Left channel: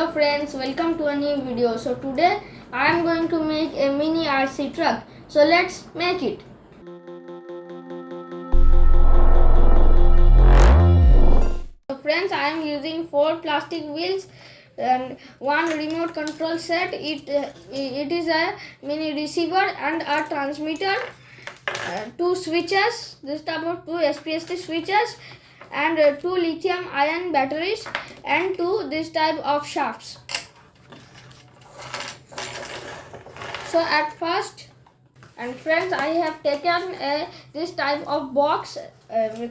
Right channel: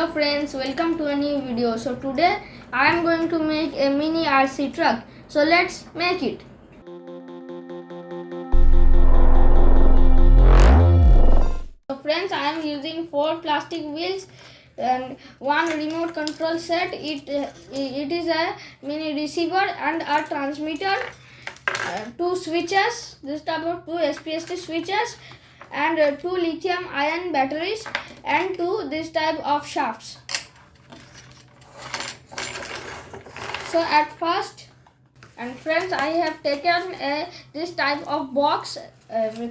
Hello friends, welcome to a new video. So today I am going to make a mini RC truck. So let's make it. So friends, I am using 4 plastic wheels and 1 remote control set. It is a mini receiver and a transmitter, 2 switches, this type of 2 SPST switches, and 2 lithium ion batteries and 2 this type of shafts. So at first, and friends, I have taken this type of box,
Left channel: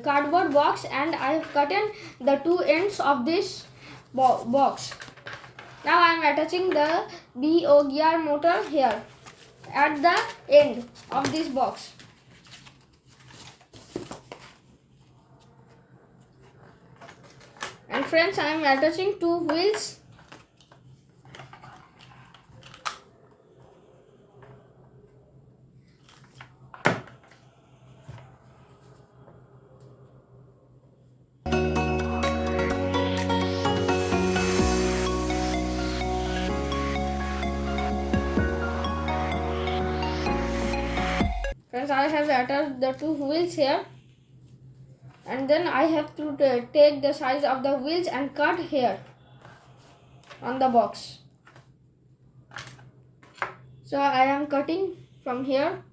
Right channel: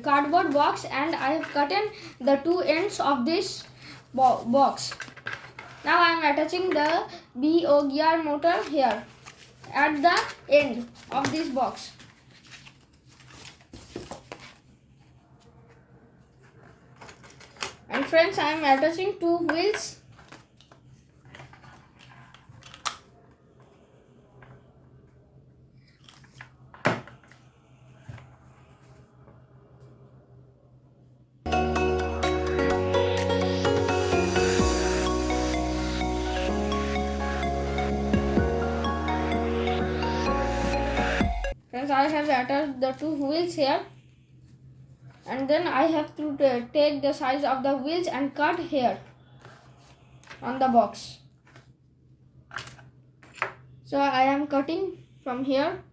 cardboard box, and I have cut in the 2 ends of this box. Now I am attaching the BO gear motor here at the end of this box. And friends, I am attaching 2 wheels. Friends, I have attached the 2 wheels here. And then I have to take the size of the wheels and cut here on the box. So I am cutting from here.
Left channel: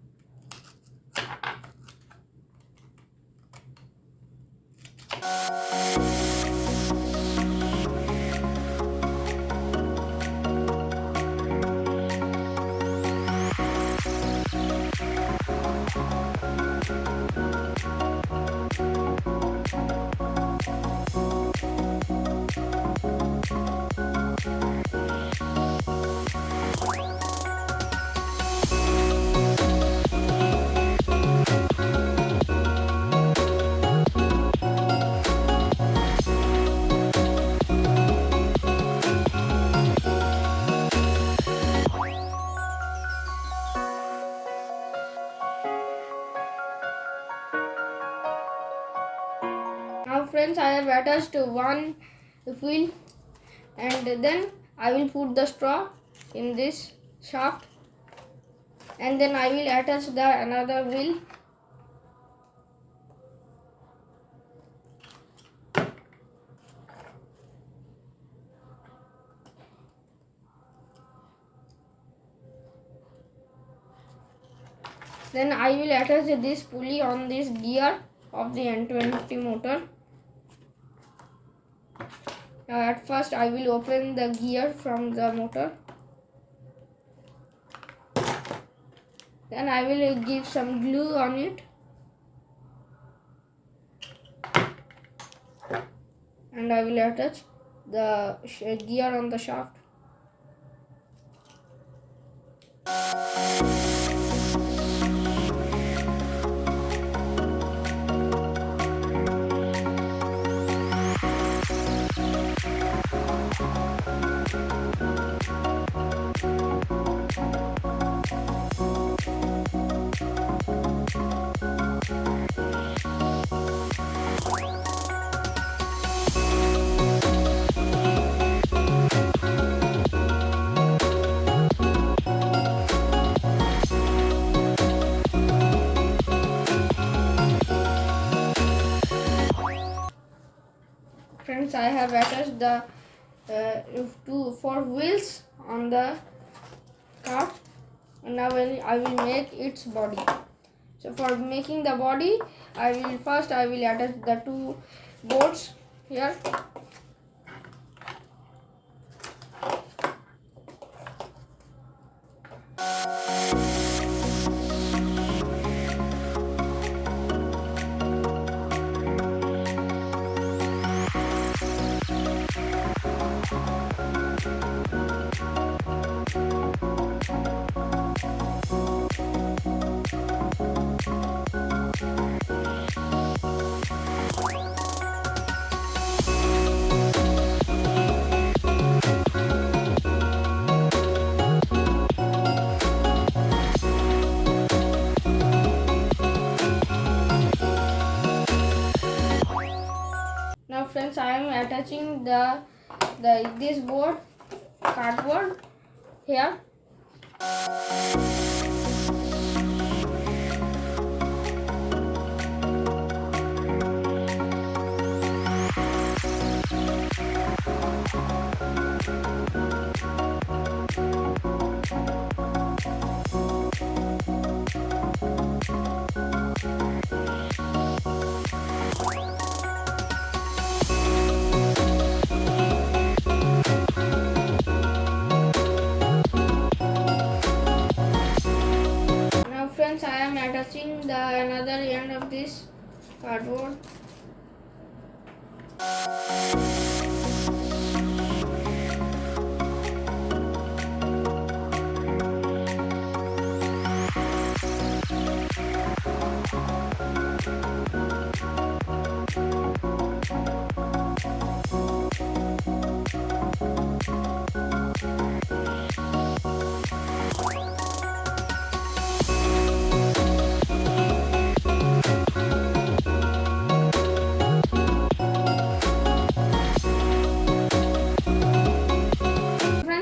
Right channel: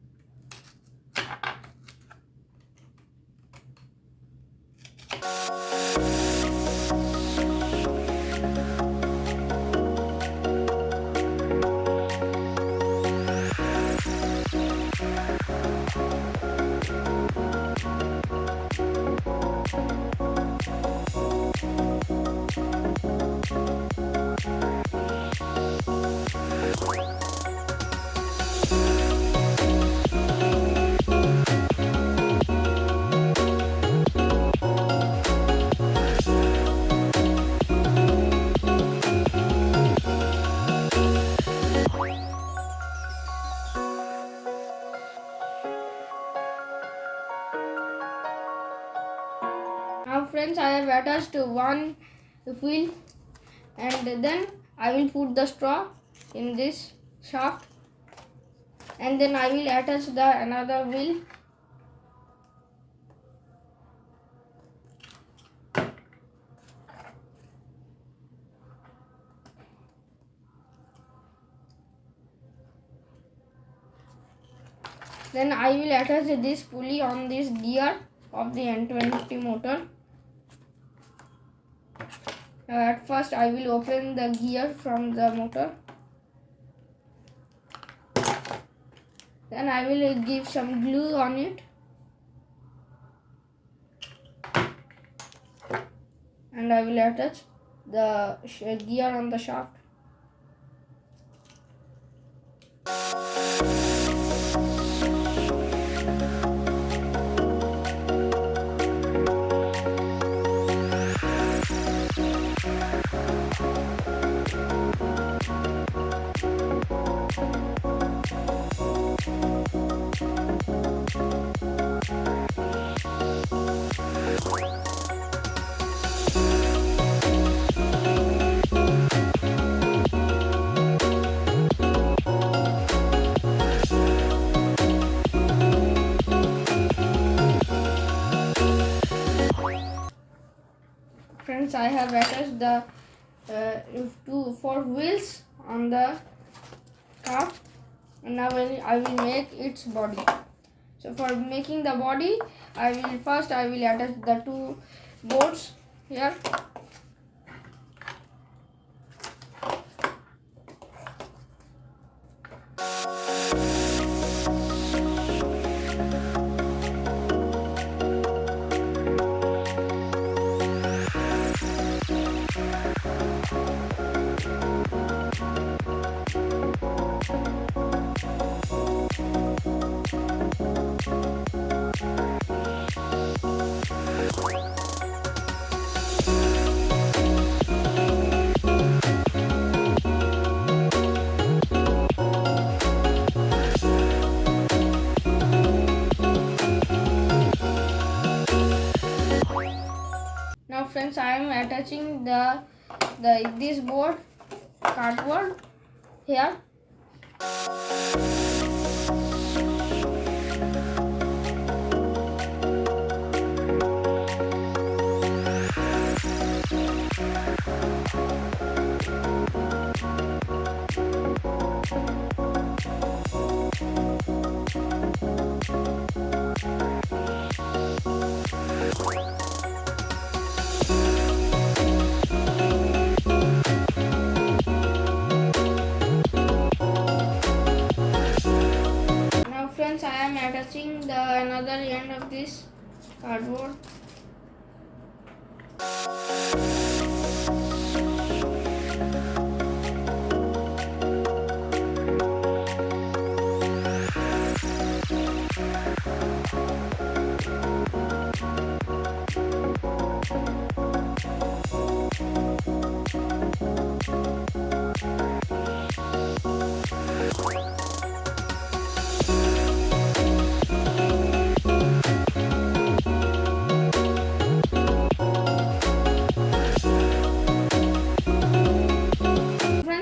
Now friends, I have attached 1 wheel, and then I will put the straw in this shaft, and then I will attach the another wheel. Then I will attach this pulley on this gear of the N250 motor. Now at first I will open the gear from the motor. Then I will give some glue on it. And I will attach the gear on the shaft. Friends, I have attached the 4 wheels on the car, and now I will make its body. So for making the body, I will attach the 2 boards here. friends, I am attaching this board cardboard here. Friends, I am attaching the another end of this cardboard.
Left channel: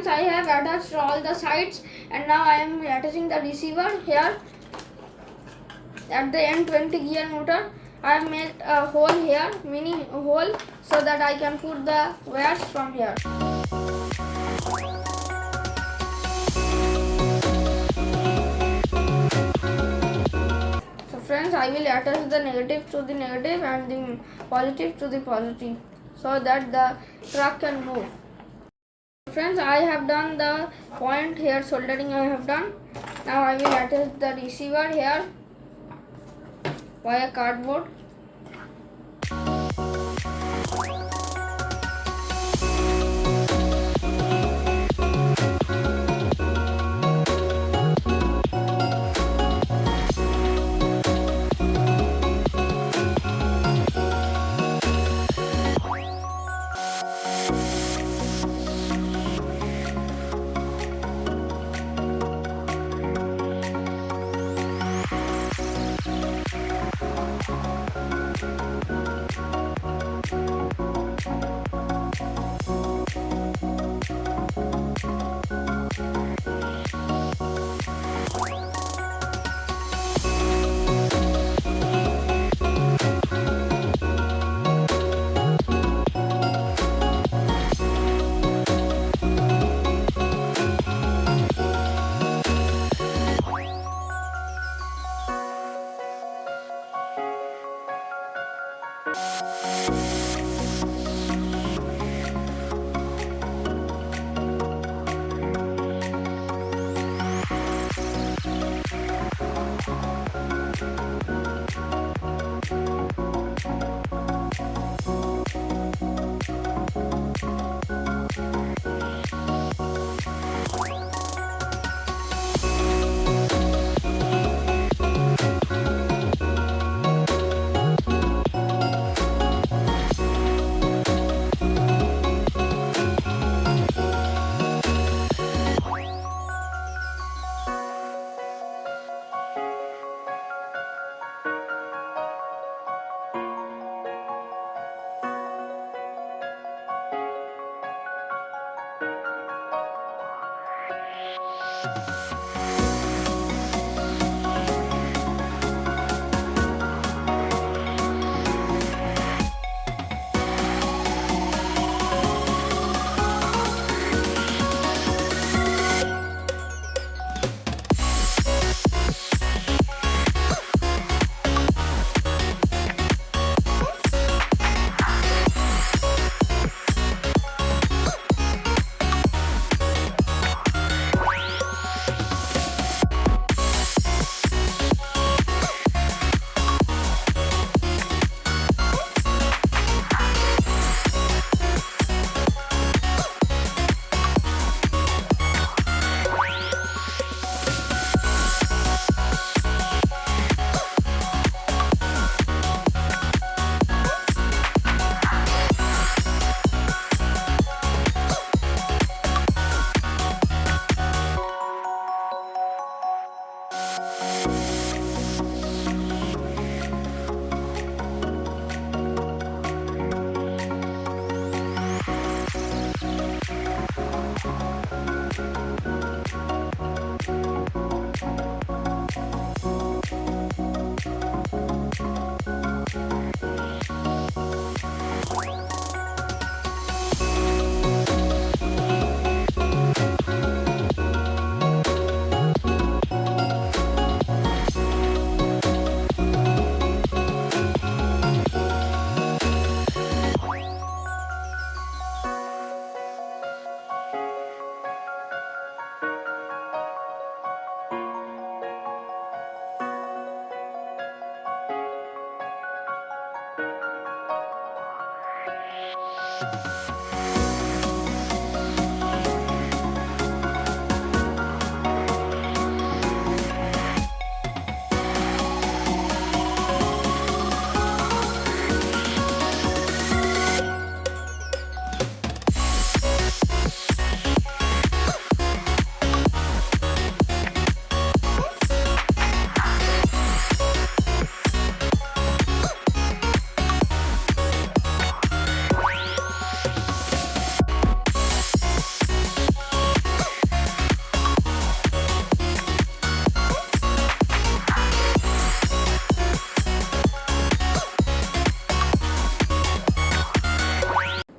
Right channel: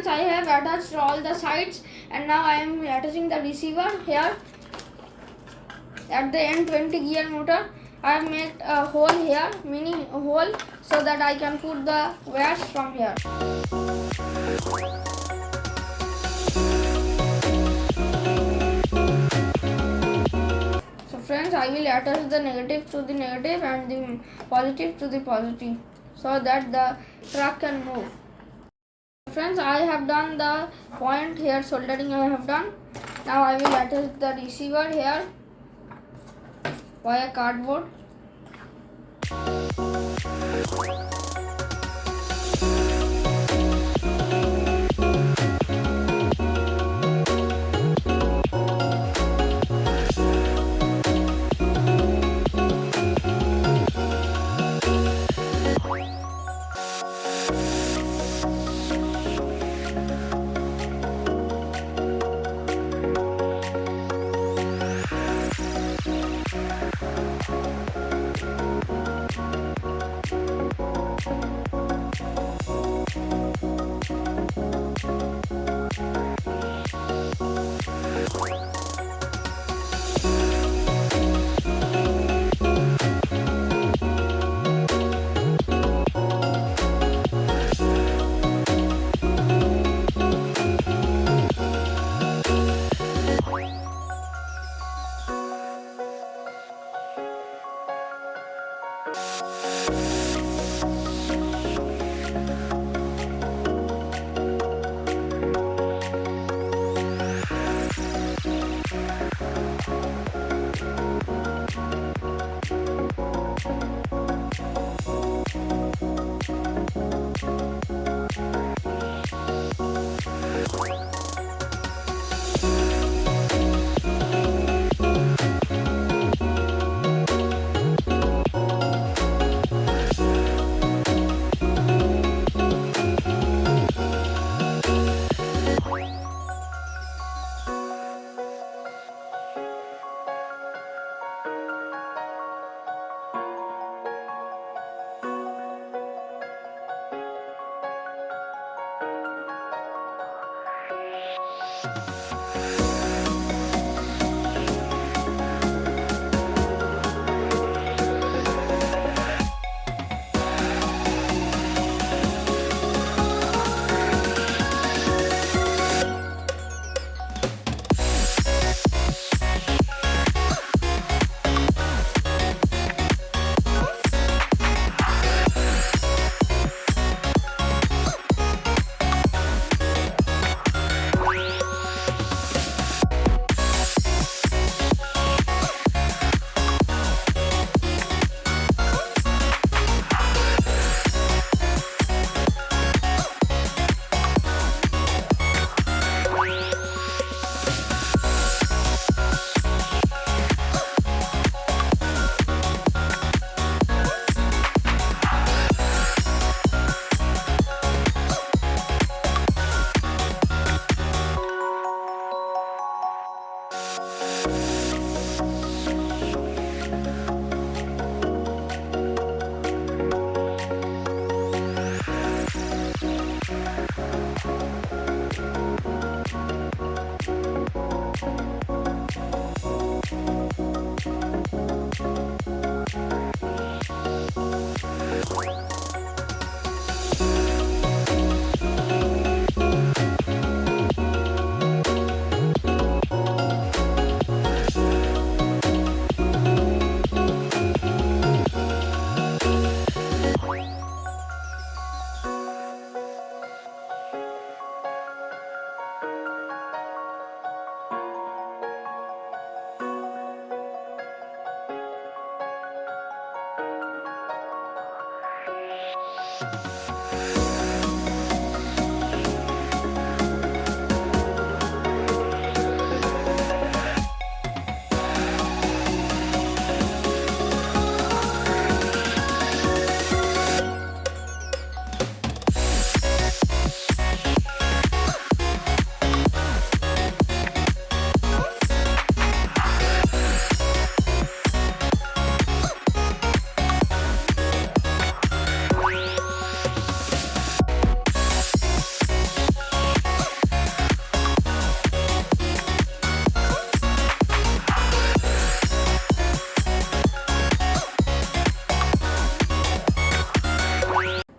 I have attached all the sides, and now I am attaching the receiver here. At the end 20 gear motor, I have made a hole here, mini hole, so that I can put the wires from here. So friends, I will attach the negative to the negative and the positive to the positive, so that the truck can move. Friends, I have done the point here, soldering I have done. Now I will attach the receiver here via cardboard.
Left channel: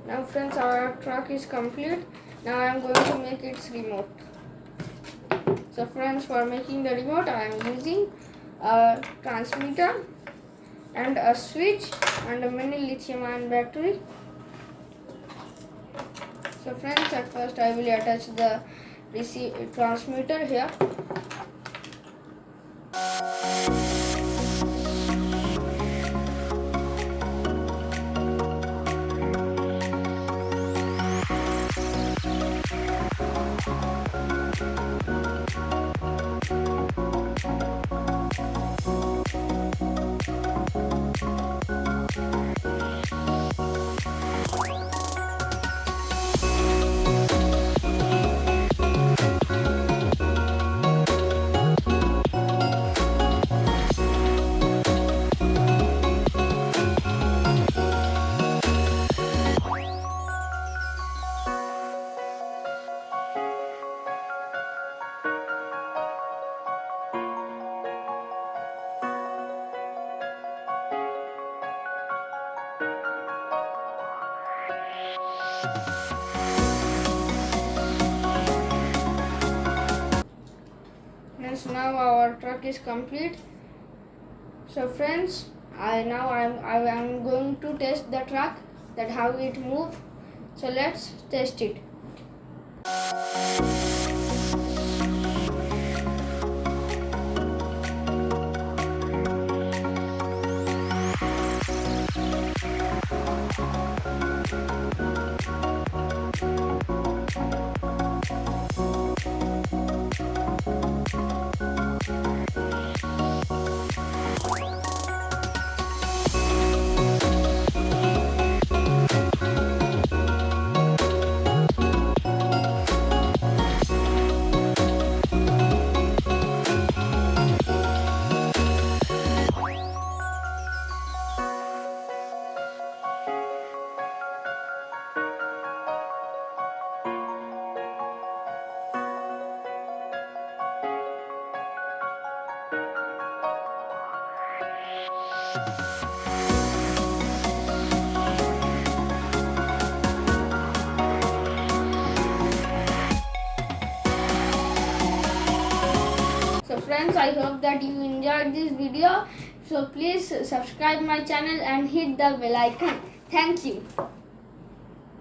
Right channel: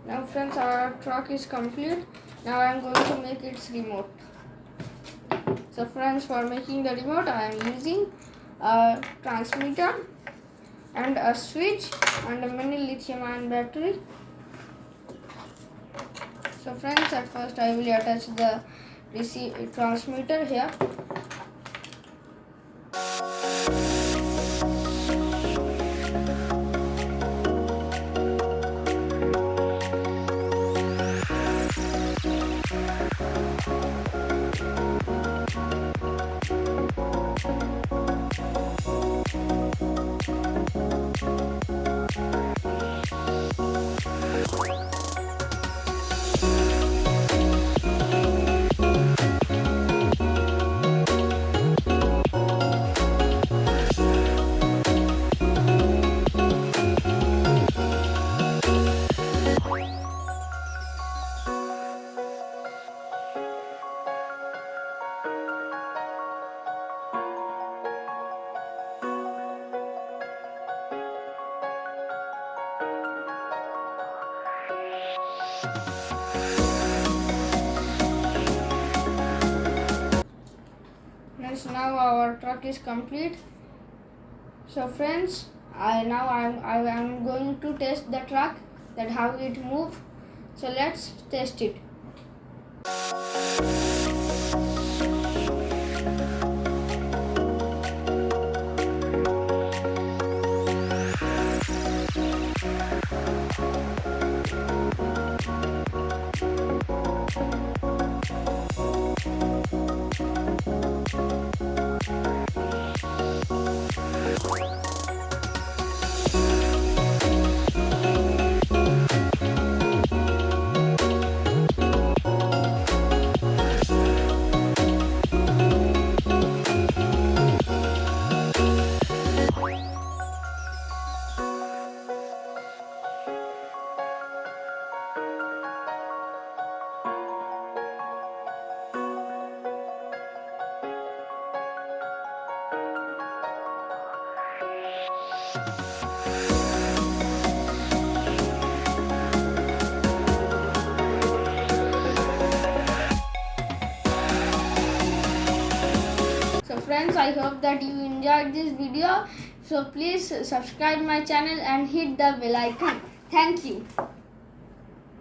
Now friends, our truck is complete. Now I am going to make its remote. So friends, for making the remote I am using a transmitter and a switch and a mini lithium ion battery. So friends, at first I will attach the transmitter here. Friends, now our truck is complete. So friends, I am going to test the truck, that how it move. So let's test it. So friends, I hope that you enjoyed this video. So please subscribe my channel and hit the bell icon. Thank you.